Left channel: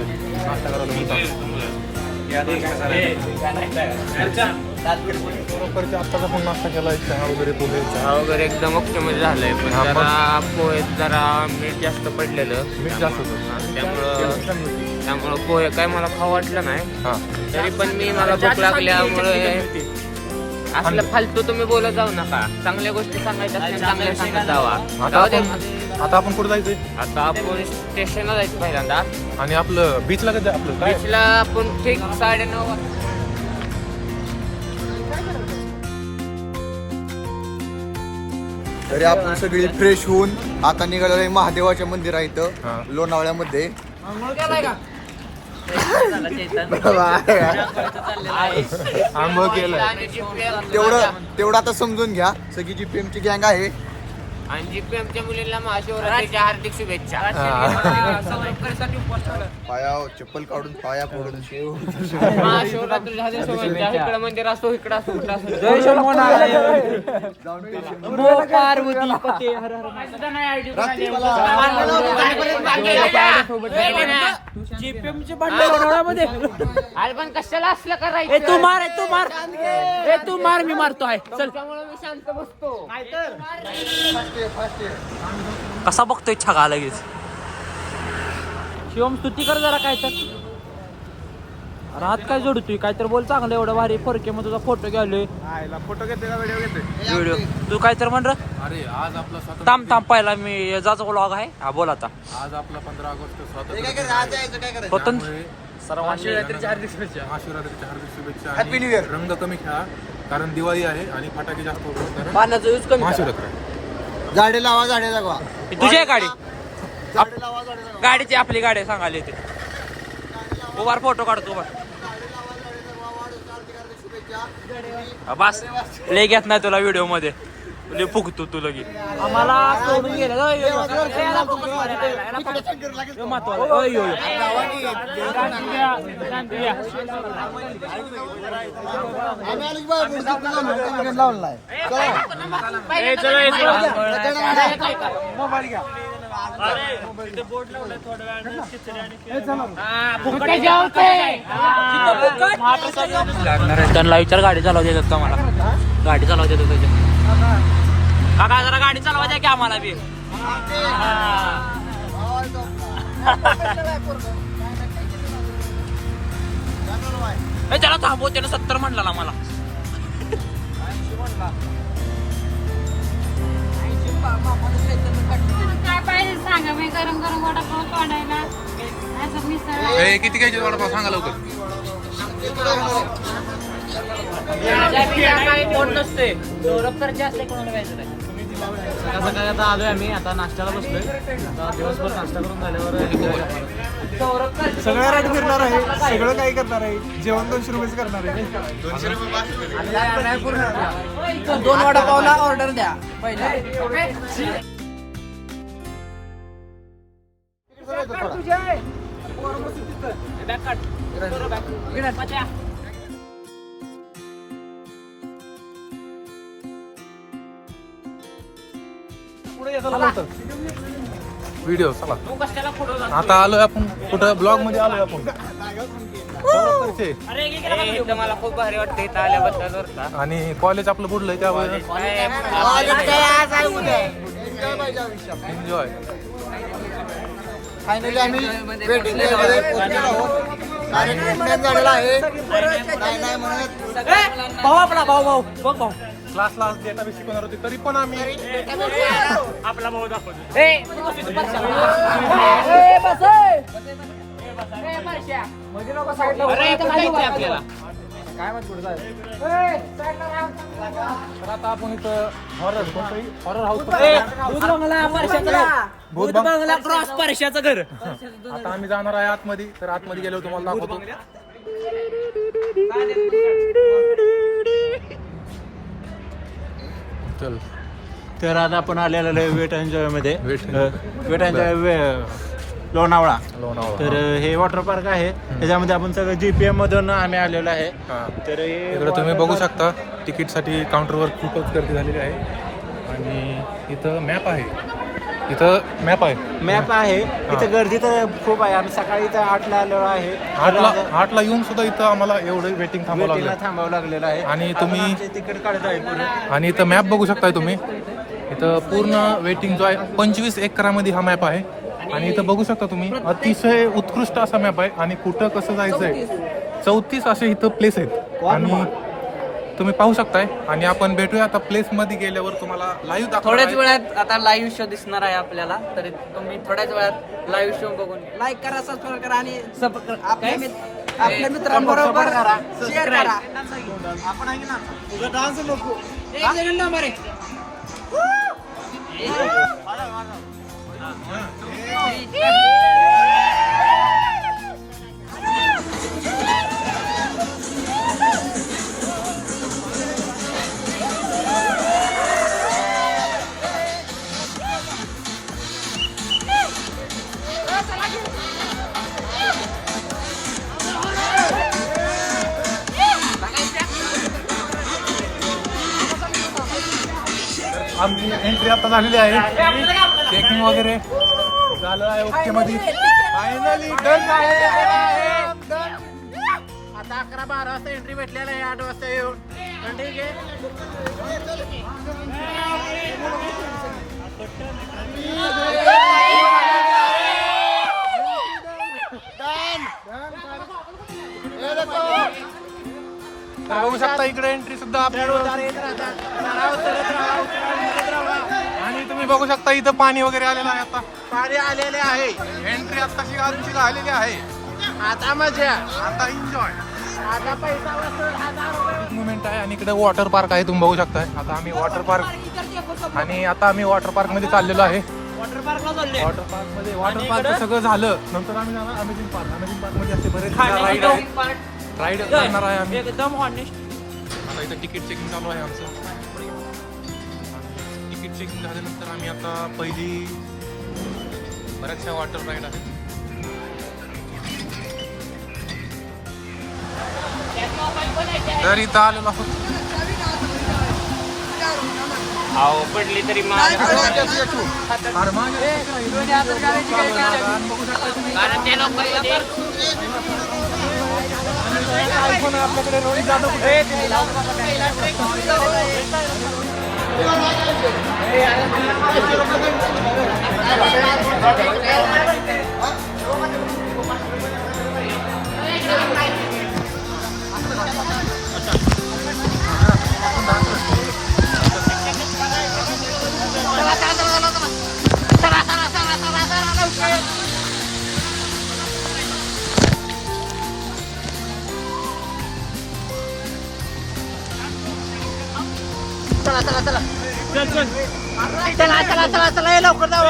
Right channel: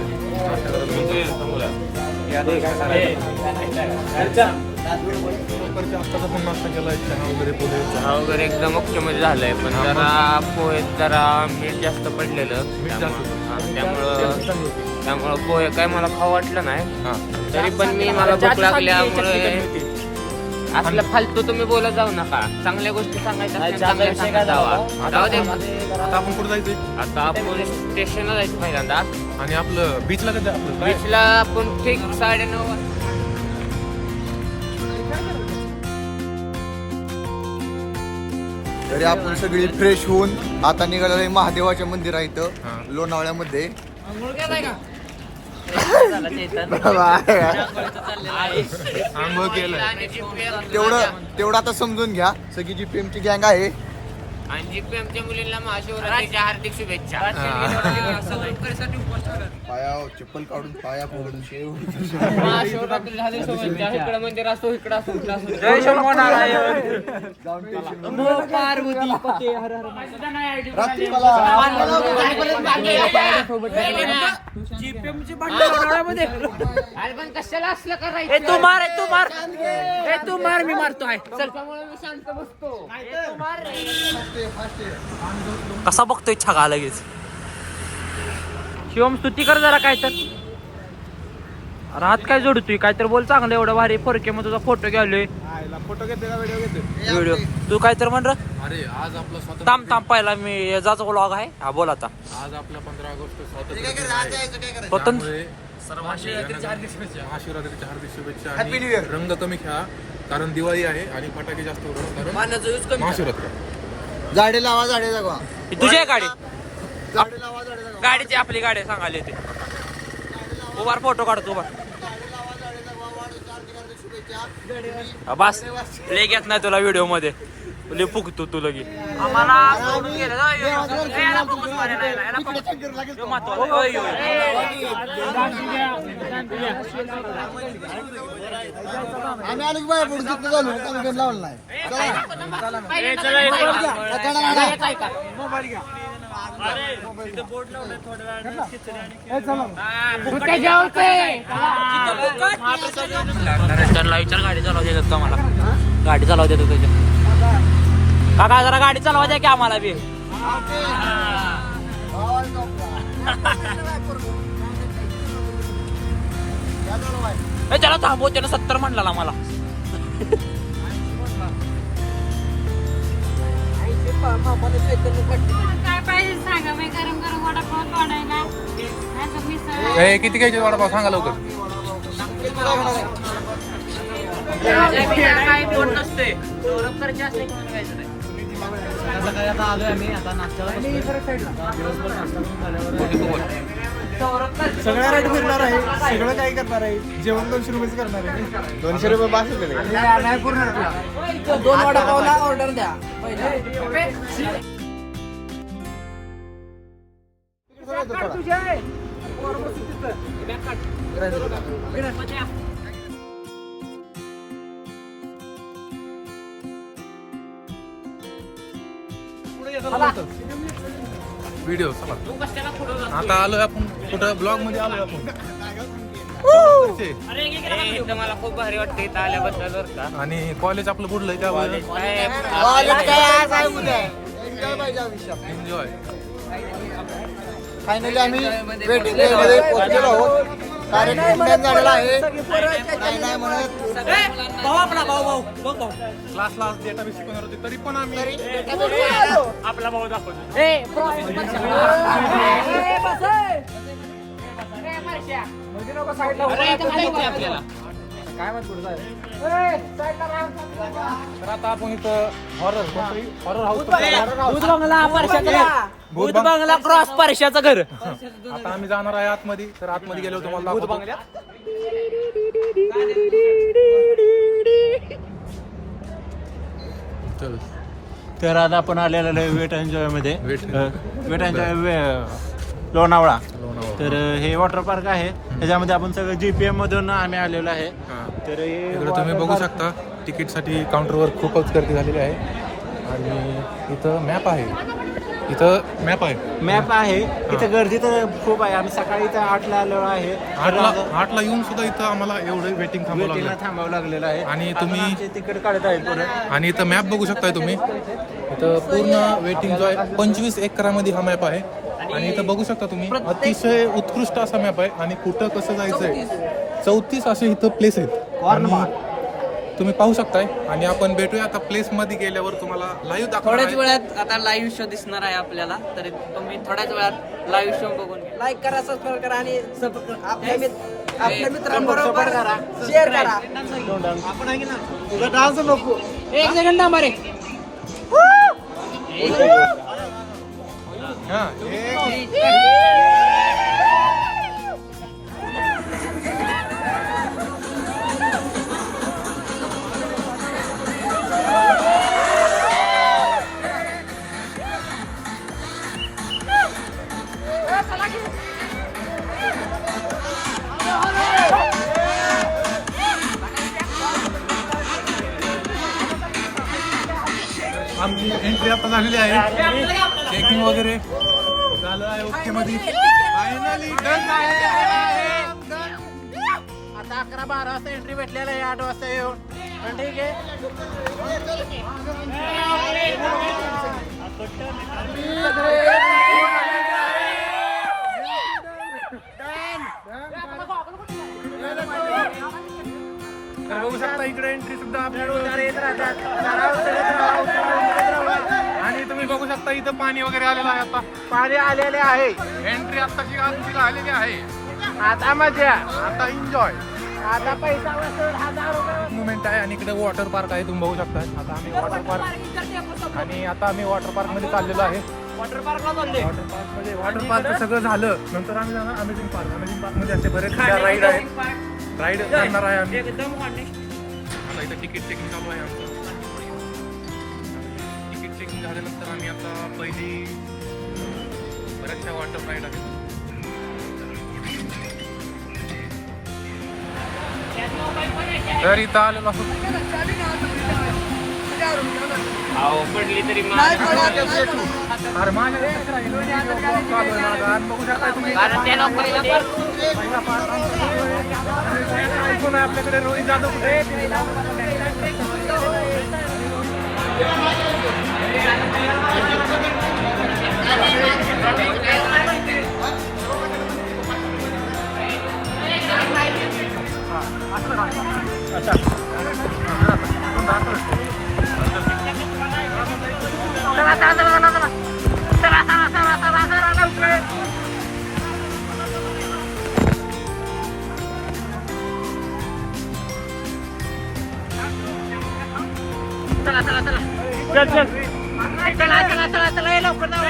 नाश्ता करायला बरोबरच्या आत्ताचा पण नाश्ता केला, चहा वगैरे पोहे. चहा वगैरे एकदम ओके मध्ये झालंय, पण जरा पोहे जरा मीठ जास्त पडलेलं. मीठ जास्त होतं त्यामुळं पोहे काय मला खाऊ वाटलं नाही. तरी पण मला भूक लागल्यामुळे असलं फालतू तुम्ही बोलत जाऊ नका. चांगल्या गोष्टी सांगायच्या असल्या चांगल्या सांगत जावा. आता आपण कुठे जायचंय? आता आपण स्टेशनला जायचं पहिल्यांदा. आणि आपलं बीचला कधी आपलं काय? बीचला आपण ठीक 9:30 तरी आपण सगळी फ्रेश होऊन आता निघालेलो महादेवाच्या मंदिर आहे इथं लोणावळ्यामध्ये. आंघोळ केलंय तेवढं आता समजून घ्या. सगळी जी पीएमची गँग आहे आणि जीपीएमच्या मुलींना महाशिवरात्रीच्या हार्दिक शुभेच्छा. पाया चप्पल काढून पाया पडून शेव महाशिवरात्रीच्या हार्दिक शुभेच्छा. इकडं मंदिर असो, इकडं असो, इकडं असो. अरे पण कशाला असलं करायचं? तू मार मी मारतोय. त्यामुळे मी शांत बसतो. कसा बघतोय छगा लगेच? शिवम स्तुती कर जरा काय तर. अरे हात काय जोडतोय? काय तर बोल चांगलं. एवढं भारी फोरके मग तुझा फोटो घ्यालोय. फोटो घेते का व्हिडिओ घेते? व्हिडिओ तू काय तर म्हण. अरे आज आपला स्वातंत्र्य थांब पहिला मी याचा व्लॉग आहे. हा बोल आता. आज आपला 15 ऑगस्ट स्वातंत्र्य दिन आहे. स्वतंत्र त्यामुळे महाशिवरात्रीच्या हार्दिक शुभेच्छा. आणि रंग कमी खेळा, कारण दिवाळी आहे आणि फटाके जास्त होतात. महाशिवरात्री झाडे लावा, झाडे जगवा. तुझी आहे गाडी? गाडीची आपली गाडी सांगायला येते. उभार फोटो काढतो उभार. बस लय घेत नाही तुला व्हिडिओ मध्ये. लय फुकतो तू लगी. आम्हाला सोडून गेलं. त्यांना विचार गाडी चालवू देतात का मला? गाडी चालवू देतो त्याच्या काका. जरा गाडी चालवा द्या की आम्हाला बी. त्याला थांबव. त्यानं 70 म्हणला मला. काय पाहिजे सांगा. मी गरम गरम वडापाव तोडायला असं मिसळ. किती घ्यायचे वडापाव सांगा लवकर. सकाळी आता आलोय आम्ही. आता नाश्त्याला बसलोय. दिवसभर नाश्ता करून झाल्यावर सगळ्या राईट फिरणार आहे. सगळं काही करणार आहे. जेवण 200 रुपयेच करणार आहे. 200 रुपये पूर्ण. 2 वडापावला ऑर्डर द्या पहिले. व्हिडिओ चला. आता आलोय आपण कुठं ब्लॉग मध्ये आलोय आपण. मला खूप भारी वाटतं इथं आल्याबद्दल बरं का. आणि कॉलेज आपलं बुडलंय त्यामुळे एन्जॉय. फायनली आम्ही वेटिंग एरियामध्ये पोहोचलेलो आहोत. कार्यक्रम झालेला आहे. काय नाही म्हणत भाऊ आपला भाऊ बघ भाऊ. क्लासला डेटाबेस शिकवणार होती, तरी पण आम्ही आपला भाऊ दाखवतो. आपल्याला काय माहित कुठं जायचं. तर आता आपण इथं हॉरर हाऊस. भूत बंगला क्रॉस परशाचं घर. आता आम्ही जाणार आहे आतमध्ये. तर आतमध्ये गेलो तुम्हाला दाखवतो. चल. तर आता आपण आलेलो आहे वेट एन्जॉय मध्ये. Wet n joy Lonavala. तर हे वॉटर पार्क आहे. त्याच्यामध्ये आपण सगळं जीपीएम मधून आम्ही आलेलो आहे. तर इकडे तुम्ही बघू शकता तिकीटसाठी काउंटरवर खूपच गर्दी झालेली आहे. आणि इथं मॅप आहे. इथं मॅप आहे. मॅप आहे. इथे गर्दी तर खूप आहे. आम्ही सकाळी इथं 8ला आलेलो आहे. 8ला येऊन सुद्धा इथं आम्हाला एवढं वेटिंग थांबावं वेटिंगला लागलं. थांबावं लागलेलं आहे. आणि तुम्ही तिकीट काढत आहे पुढे. आणि इथं मॅप बघू शकताय तुम्ही. इथं पूर्ण वेटिंग जो आहे 25 एकरामध्ये हा मॅप आहे. आणि इथं बघू शकता तुम्ही अतिशय उत्कृष्ट असा मॅप आहे. आणि कुठं कसं जायचंय 34 असे इथं प्लेस आहेत आणि तुम्ही पाहू शकताय. आणि आपण भेटूया आता प्लेस मध्ये गेल्यावर तुम्हाला लाईव्ह थोड्याच दाखवणार आहे. वेळात आता लाईव्ह शो दिसणार आहे आपल्याला, तर तुम्ही थोड्याच वेळात लाईव्ह शो बघून लाईक करा, सबस्क्राईब करा आणि आपल्या मित्रांबरोबर शेअर करा. आपण आहे ना डान्स नको. एक सेकंड ना मारे. हा, आमची एंट्री आता झालेली आहे. चेकिंग वगैरे झालं आहे ओके मध्ये. फायनली डन आहे. आता 11-12 वाजता एंट्री भेटलेला आहे. 8 वाजता येऊन ठीक आहे. तर बघू शकता इकडे एंट्री सुद्धा आपली आणि तुम्ही बघू शकता इथं पाणी वगैरे आलेलं आहे. आता पाणी आलेले आहे. एंट्री आताशी आमची झालेली आहे. आता मजा. आता एन्जॉय मुवमेंट आहे. आणि इकडे वॉटर पार्क आहे तुम्ही बघू शकताय. आता आम्ही वॉटर पार्क आणि आता आम्ही वॉटर पार्क मध्ये चाललेलो आहे. वॉटर पार्क सगळं झालं नंतर आम्ही जाणार अमेझिंग पार्क. अमेझिंग पार्क मध्ये असे बरेच राईड आहेत. राईड करणार आहे आम्ही. आता इथं तिकीट चेकिंग चालू आहे आमचं. तिकीट चेकिंग झाल्यानंतर आम्ही आता पहिली बऱ्याचशा वॉटर राईड आहेत. तर इथं आलेलो आहोत. पडली तरी अरे माझ्या चालू आहे माझा. आणि बघू शकता तुम्ही त्या लॉकर मध्ये पहिला पार्क आमचा सुरू आहे. आयफोन आहे आपल्याकडे. रोहित जाधव कुठे? अच्छा चला लवकर जाऊ.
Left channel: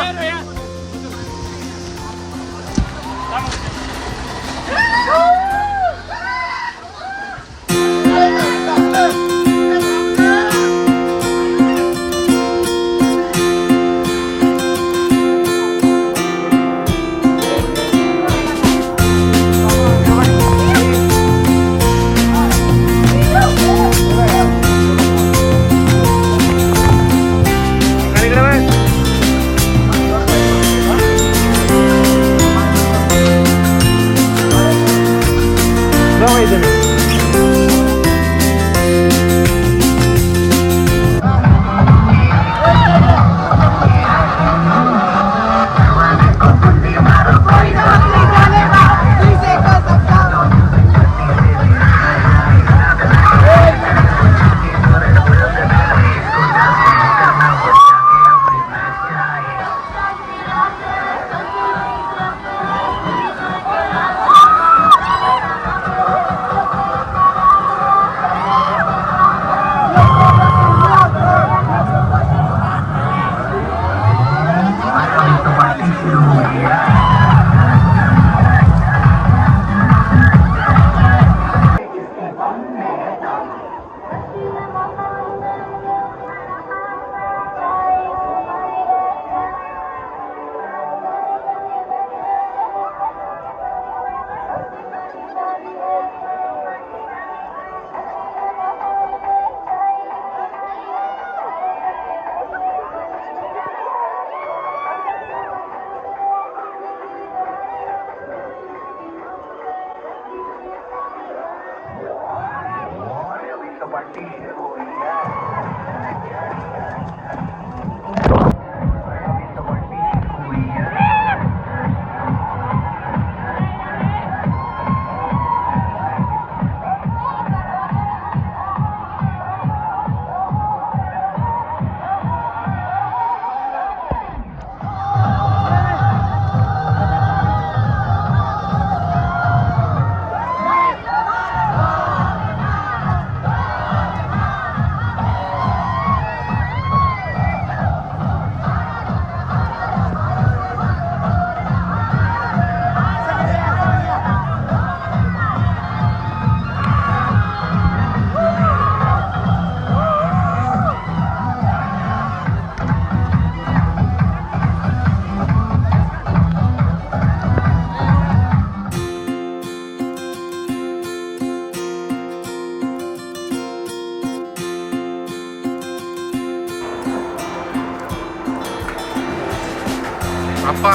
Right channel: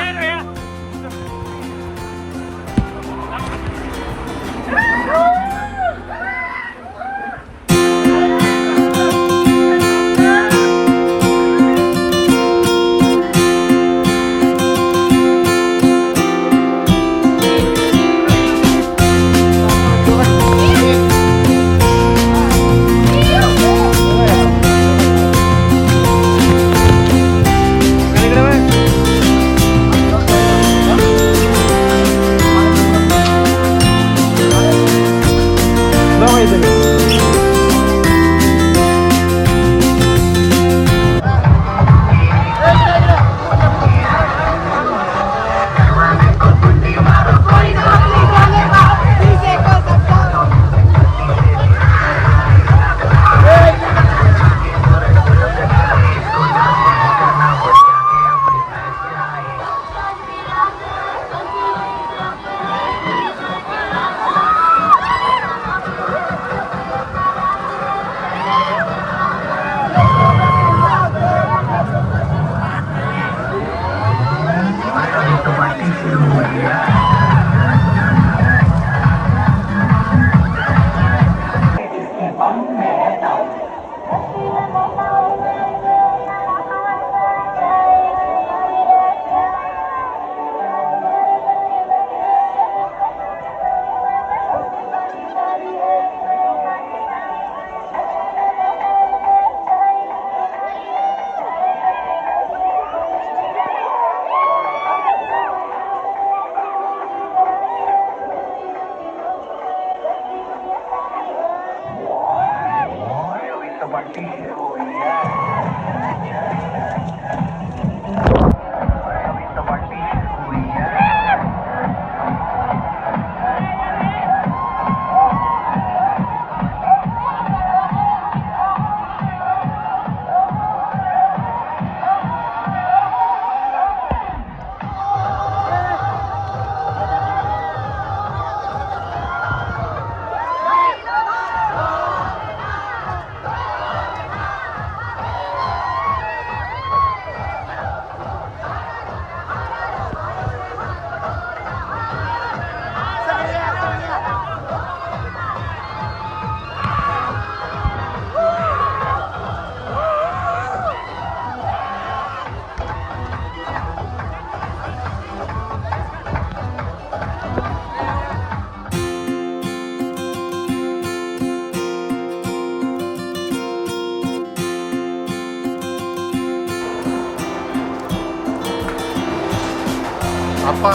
आप्पा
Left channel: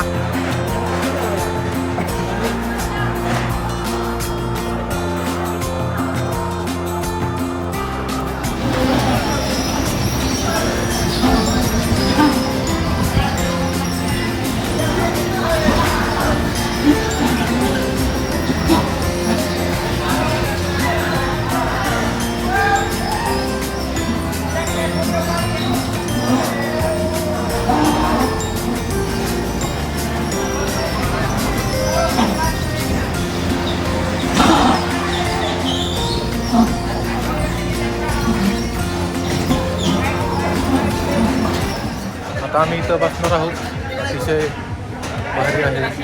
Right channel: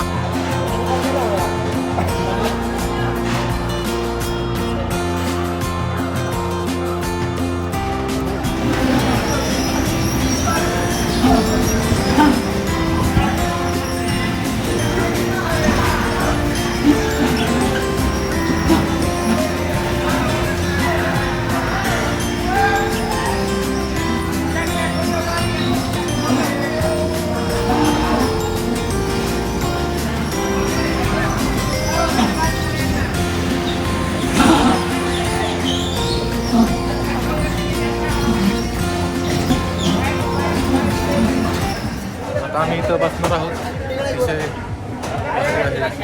आता आम्ही इथं बसणार आहोत. अतिशय भारी आहे.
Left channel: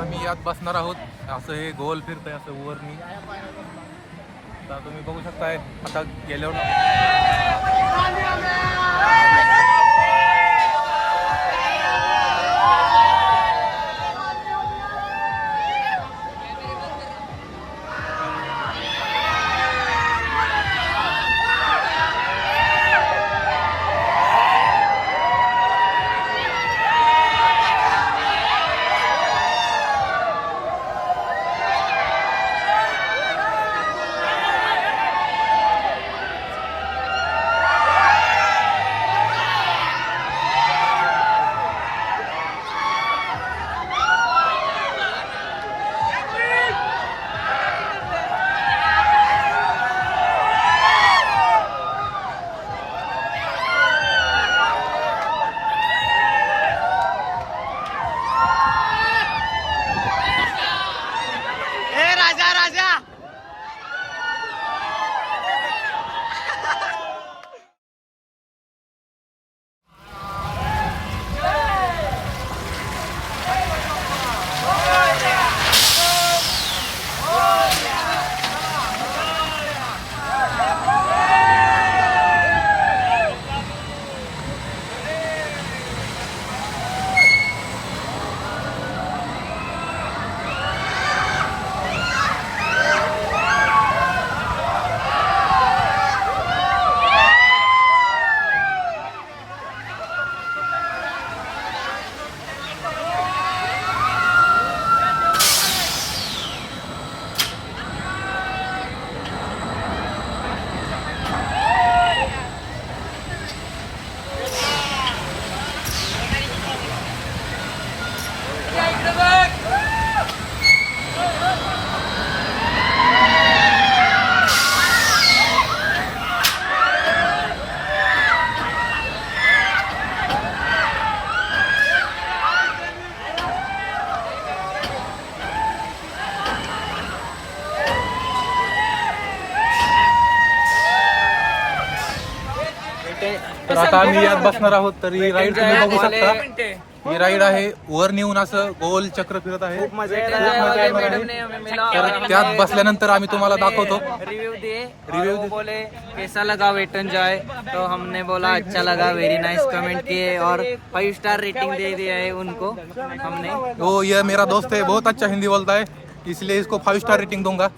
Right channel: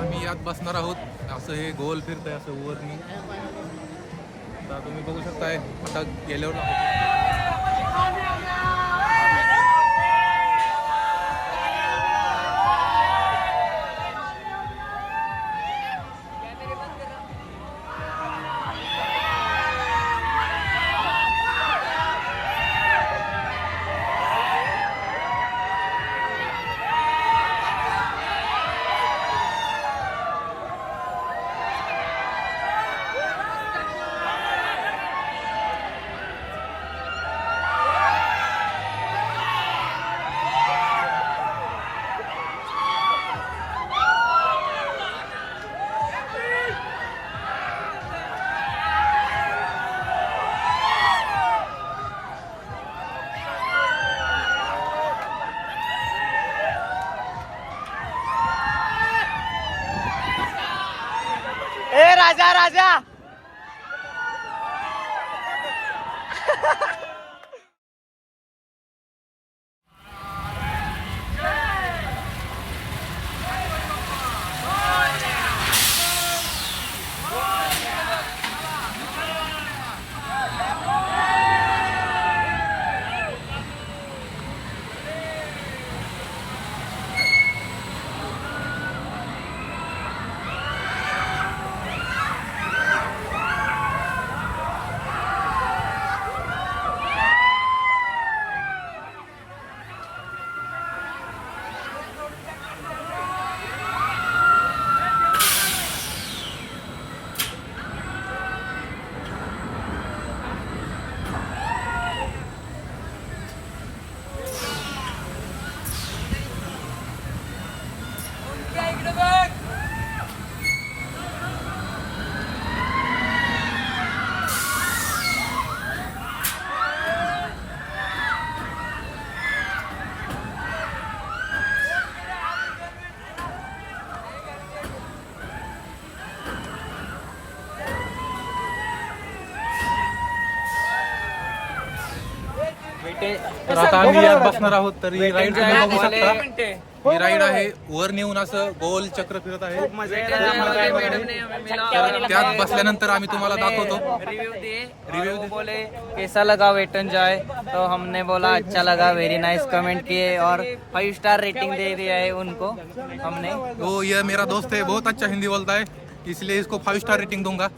आम्ही यात बसणार आहोत. असं हे गोल फिरतंय असं वरनी. आता तुम्ही बघू शकताय. आता गेल्यावर राजा राजा मिनिटे. तर आता आम्ही यात बसणार आहोत. तर ही राईड तुम्ही बघू शकता. ही राईड आहे, वर नेऊन असं गोल चक्र फिरत आहे. मजा येणार. तर त्यात बसल्यानंतर आम्ही तुम्हाला दाखवतो. रिव्यू दिए रिव्यू बोले कैसा लगा वेट एंड जॉय. तो हमने बोला अच्छा लगा, वेरी नाइस कमेंट किए और 5 स्टार रेटिंग दे दिया है उनको हमने. तो ये मेरा दोस्त है, बहुत अच्छा हिंदी बोलता है, इसलिए इसको 5 स्टार रेटिंग दूंगा.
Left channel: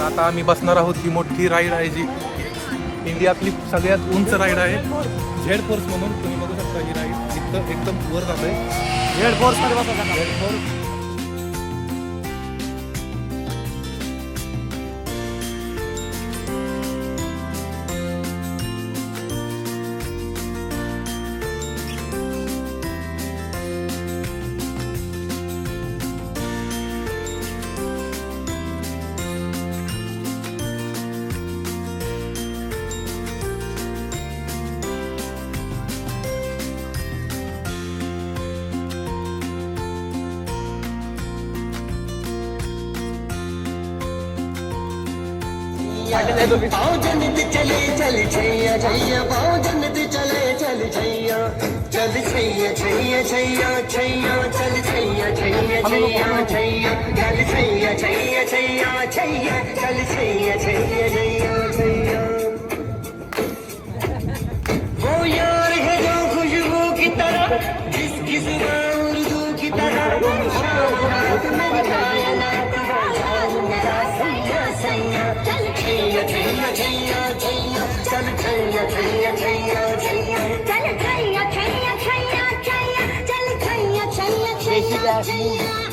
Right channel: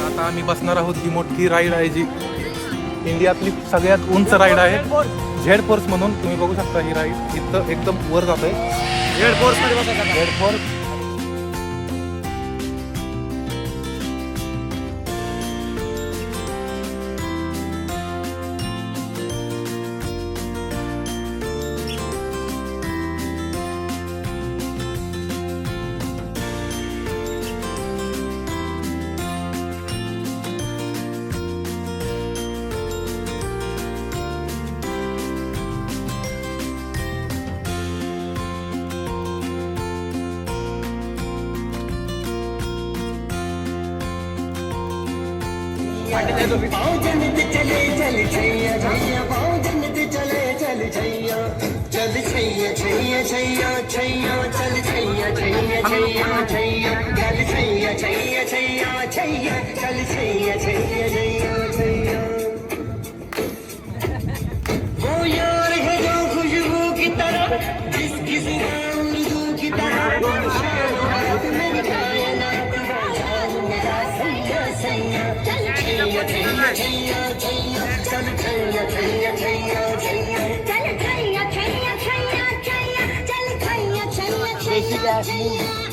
आता आम्ही बसणार आहोत. ही मोठी राईड आहे जी इंडियातली सगळ्यात उंच राईड आहे, झेड फोर्स म्हणून. तुम्ही बघू शकता ही राईड इथं एकदम वर जात आहे. झेड फोर्स मध्ये बसायचं. Z force. पाँव जन्नत चले चल छैया छैया, पाँव जन्नत चले चल छैया, चल छैया छैया छैया छैया, चल छैया छैया छैया छैया, चल छैया छैया छैया छैया, चल छैया छैया छैया छैया. वो यार है जो खुशबू की तरह, जिसकी जुबान उर्दू की तरह, शाम रात मेरी कायनात जान मेरा सैया सैया. चल छैया छैया छैया छैया, चल छैया छैया छैया छैया, चल छैया छैया छैया छैया, चल छैया छैया छैया छैया.